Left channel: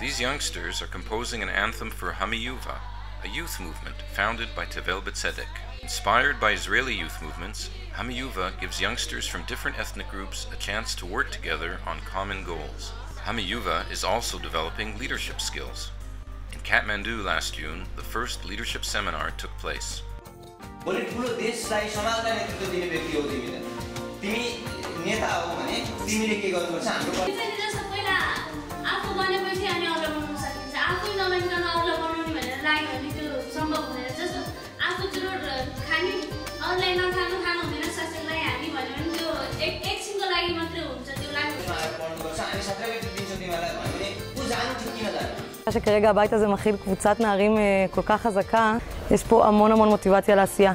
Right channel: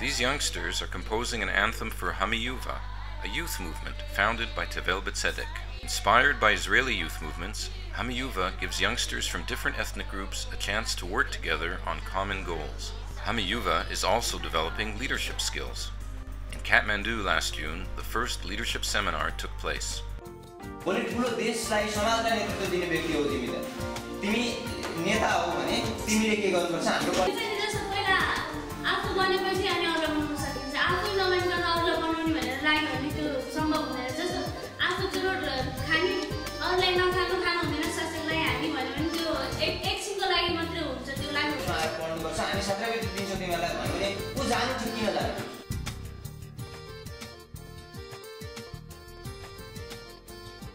These youngsters are composing an anthem for Hamiyuva, a youth movement founded by Tevel B'Tzedek. Inspired by Israeli youth movements, Hamiyuva gives youngsters from different ethnic groups a chance to work together on common goals. Hamiyuva is also developing leadership skills. In Kathmandu last June, the first leadership seminar took place. שכרגע הבית הזה מכיל קבוצת נערים כל כך חזקה, יש פה המון מוטיבציה לעשייה.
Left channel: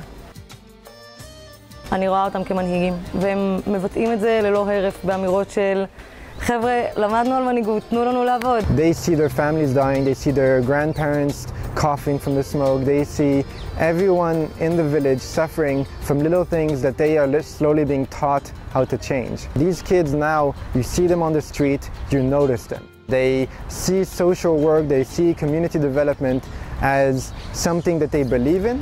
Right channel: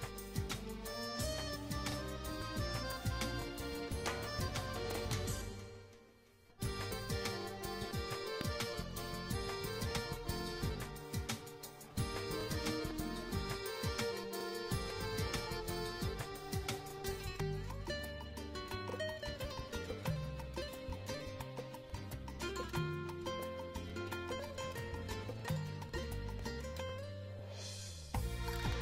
אני רואה אותם כמנהיגים, והם מבטאים את זה ללא הרף באמירות של חבר'ה, למדנו על מנהיגות, תנו לנו לעבוד. They see their families dying, they see their grandparents coughing from the smoke, they see everyone in the village suffering from little things that they are slowly being taught how to change. These kids now, you see them on the street, you notice them. They see social work, they see community development as something that they believe in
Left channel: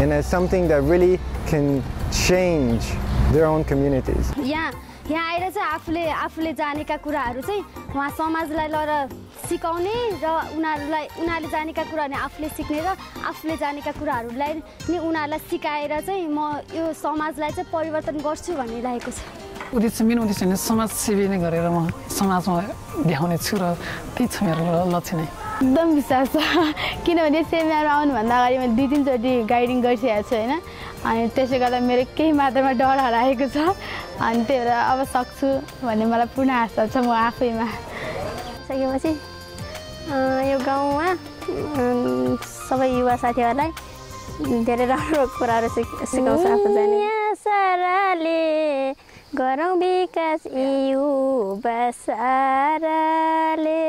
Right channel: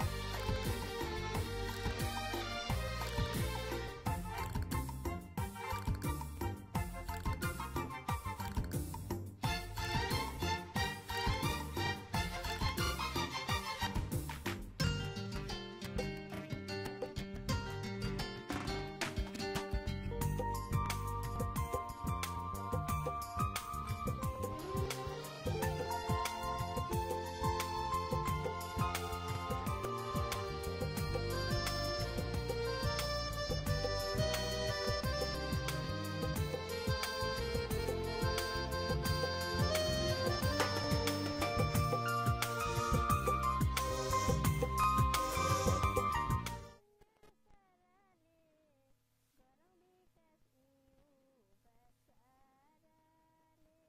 and as something that really can change their own communities. यहाँ आएर चाहिँ आफूले जानेका कुराहरू चाहिँ वहाँ समाजलाई लएर सिकाउने र उनीहरूले जानेका कुराहरू आफूले सिक्ने र आफूले जानेका कुराहरूलाई नि उनीहरूलाई सिकाएर चाहिँ म यो समाजलाई चाहिँ परिवर्तन गर्छु भन्ने लागेको छ। उद्देश्य मेरो उद्देश्य नै समाजसेवी नै गरेर म समाजमा देखाउने छु र त्यही छ मेरो लक्ष्य नै। एकदम विश्वास छ किनभने सेमिनारमा आउनुभन्दा अगाडि मैले 2-3 चोटि गाइडिङ गरिसकेको छु हैन, अनि त्यसै गर्दा मेरो केही मात्रामा डर हराएको छ, अनि त्यही भएर अब सक्छु भन्ने मलाई पूर्ण आशा छ म आफैमा। सकेपछि यो गाउँमा सबै युवा साथीहरूलाई धेरै राम्रो कुराहरू सिकाउँछ आफू जाने। साराले गरौँ विकास युवा साराले।